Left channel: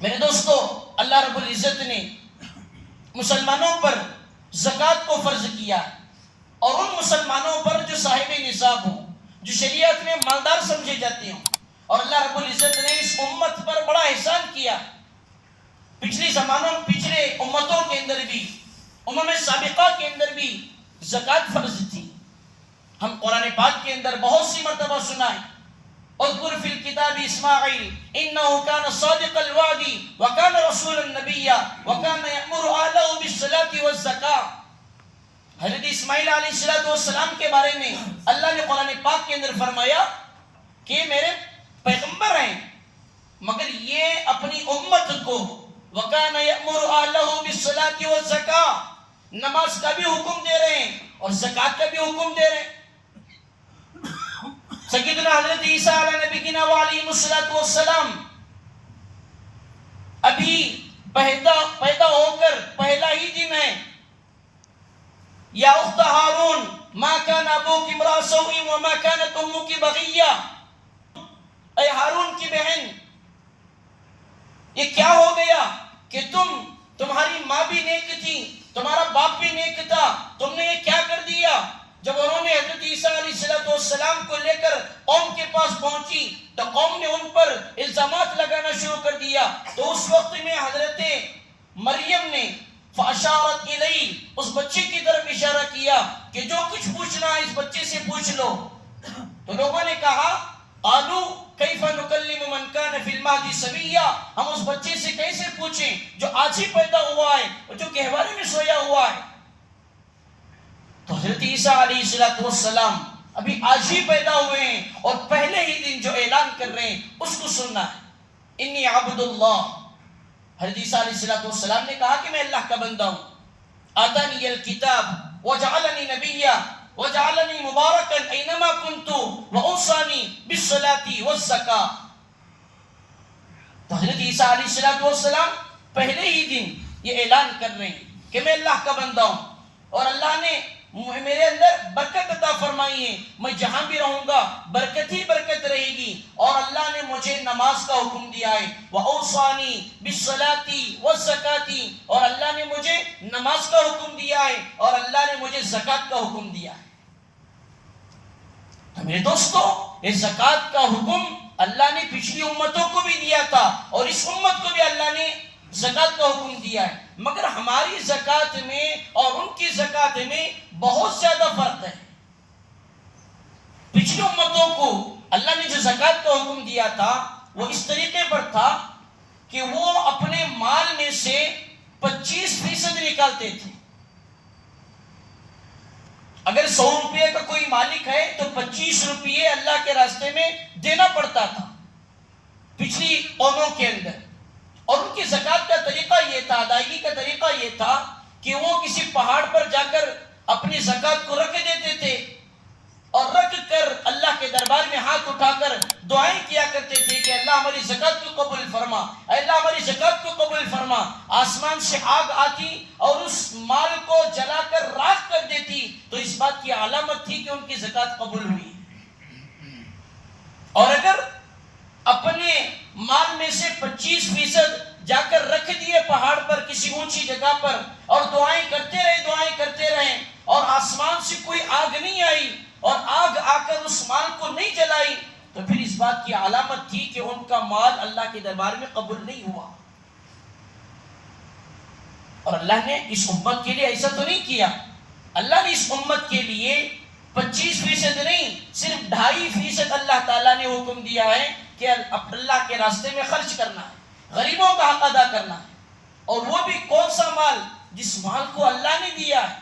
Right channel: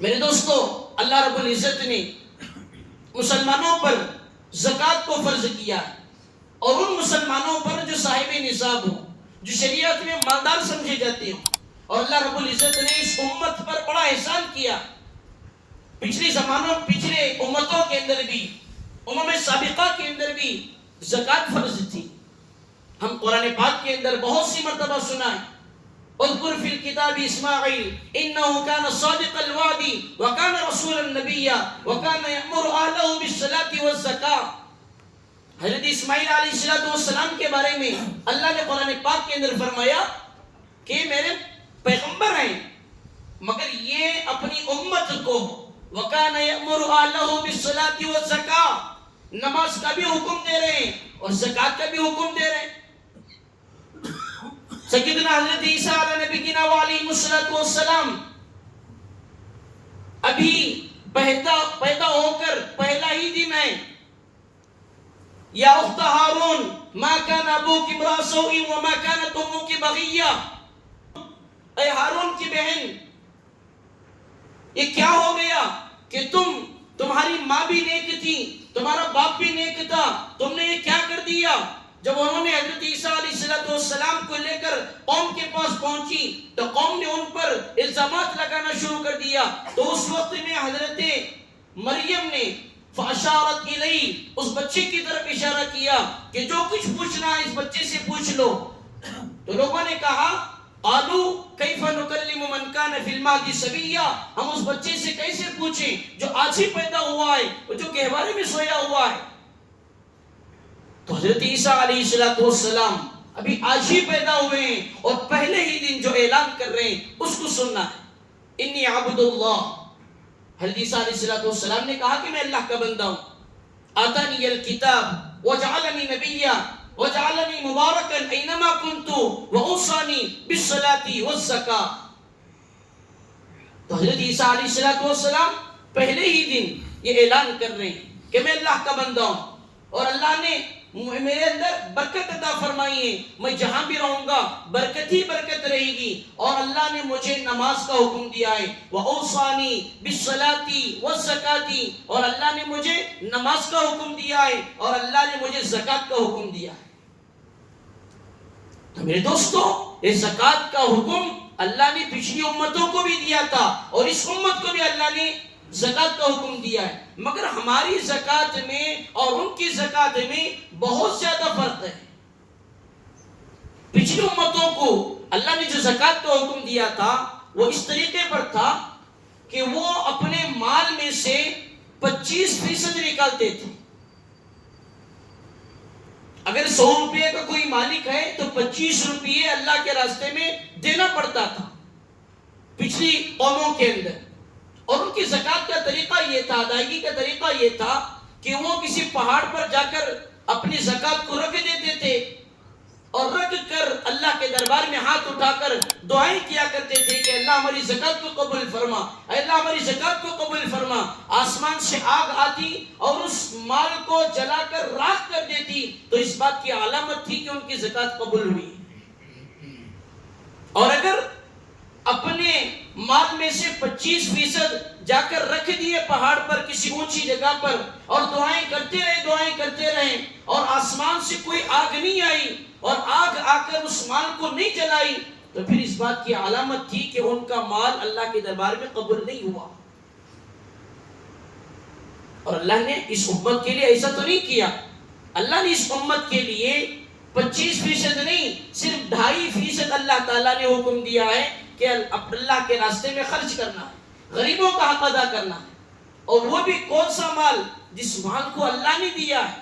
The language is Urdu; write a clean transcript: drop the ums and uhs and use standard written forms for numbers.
میرے دوستو، اللہ رب العزت نے مسلمانوں پر زکوٰۃ کو فرض کیا ہے، اور ان مسلمانوں پر جو صاحب نصاب ہوں، جو شریعت میں مالدار سمجھے جاتے ہوں. اور اللہ رب العزت نے اس امت پر بڑا احسان کیا. پچھلے زمانوں، پچھلے امتوں کے اندر بھی، امم سابقہ کے اندر بھی زکوٰۃ فرض تھی. ہم قرآن پاک کے اندر بہت سی مرتبہ سنا ہے، اذکر فی الکتاب اسماعیل انہ کان صادق الوعد وکان رسولا نبیا وکان یأمر اہلہ بالصلاۃ والزکاۃ. حضرت اسماعیل علیہ السلام کے بارے میں اللہ نے قرآن پاک کے اندر فرمایا کہ میرے پیغمبر ہیں، مگر یہ اپنی امت کو وکان یأمر اہلہ بالصلاۃ والزکاۃ، نماز کا بھی حکم دے رہے ہیں اور زکوٰۃ کا بھی حکم دے رہے ہیں. سیدنا حضرت عیسیٰ علیہ نبینا وعلیہ السلام ابھی پیدا ہو کر پہلا ہی دن ہے. یا اخت ہارون ما کان ابوک امرأ سوء وما کانت امک بغیہ، اے ہارون کی بہن، یہ کیا ہو گیا کہ تمہاری ماں بھی نیک تھی، تمہارا باپ بھی نیک تھا، تم نے یہ کیا کر دیا؟ جب انہوں نے حضرت عیسیٰ علیہ السلام کو لے کر قوم کے پاس پہنچی تو قوم نے ان پر الزامات لگانا شروع کر دیا. تو اس وقت میں حضرت مریم نے فاشارت الیہ، اس بچے کی طرف اشارہ کیا کہ جو کچھ پوچھنا ہے اس بچے سے پوچھ لو. تو لوگوں نے کہا قالوا کیف نکلم من کان فی المہد صبیا، ہم اس بچے سے کیسے پوچھیں جو آج ہی پیدا ہوا ہے اور جو گہوارے میں سویا ہوا ہے. تو حضرت عیسیٰ علیہ السلام ابھی آج ہی پیدا ہوئے ہیں اور پہلے ہی دن جو اعلان کر رہے ہیں اس کو سننا ہے. انی عبد اللہ، حضرت عیسیٰ علیہ السلام نے کہا کہ میں اللہ کا بندہ ہوں. آتانی الکتاب وجعلنی نبیا وجعلنی مبارکا اینما کنت واوصانی بالصلاۃ والزکاۃ. تو حضرت عیسیٰ علیہ السلام پہلے ہی دن یہ اعلان کر رہے ہیں کہ میں اللہ کا بندہ ہوں اور اللہ نے میرے اندر برکت عطا فرمائی ہے، میں جہاں بھی رہوں گا برکت ہی برکت رہے گی. اور اللہ نے مجھے نماز کا حکم دیا ہے، وَأَوْصَانِي بِالصَّلَاةِ وَالزَّكَاةِ، اور اللہ نے مجھے نماز کا حکم دیا ہے اور اللہ نے مجھے زکوٰۃ کا حکم دیا ہے. تو میرے دوستو، یہ زکوٰۃ کا حکم اللہ نے پچھلی امتوں کو بھی دیا تھا اور اس امت کو بھی اللہ نے زکوٰۃ کا حکم دیا ہے. مگر ہماری زکوٰۃ میں اور ان کی زکوٰۃ میں بہت زیادہ فرق ہے. پچھلی امتوں کو اللہ نے جو زکوٰۃ کا حکم دیا تھا وہ اس طریقے پر تھا کہ وہ اپنے مال میں سے 25% نکالتے تھے. اگر 100 روپے کا کوئی مالک ہے تو 25 روپے اللہ کے راستے میں دینا پڑتا تھا پچھلی قوموں کے اندر. اور ان کی زکوٰۃ کا طریقہ یہ تھا، ادائیگی کا طریقہ یہ تھا کہ وہ کسی پہاڑ پر جا کر اپنی زکوٰۃ کو رکھ دیتے تھے اور رکھ کر اللہ کے دربار میں ہاتھ اٹھا کر دعائیں کیا کرتے تھے کہ اللہ ہماری زکوٰۃ کو قبول فرما، اللہ ہماری زکوٰۃ کو قبول فرما. آسمان سے آگ آتی اور اس مال کو جلا کر راکھ کر دیتی تو اس بات کی علامت تھی کہ ان کی زکوٰۃ قبول ہوئی. اور اگر اپنے مال میں سے 25% جا کر رکھ دیے پہاڑ پر کسی اونچی جگہ پر اور دعائیں کرتے رہے اور آسمان سے کوئی آگ نہیں آئی اور آگ آ کر اس مال کو نہیں جلائی تو پھر اس بات کی علامت تھی کہ ان کا مال اللہ کے دربار میں قبول نہیں ہوا. اور اللہ نے اس امت کے لیے ایسا تو نہیں کیا. اللہ نے اس امت کے لیے 25% نہیں، صرف 2.5% اللہ تعالیٰ نے حکم دیا ہے کہ اللہ کے راستے میں خرچ کرنا ہے، غریبوں کا حق ادا کرنا ہے. اور وہ بھی کون سا مال؟ جس مال کو اللہ نے دیا ہے.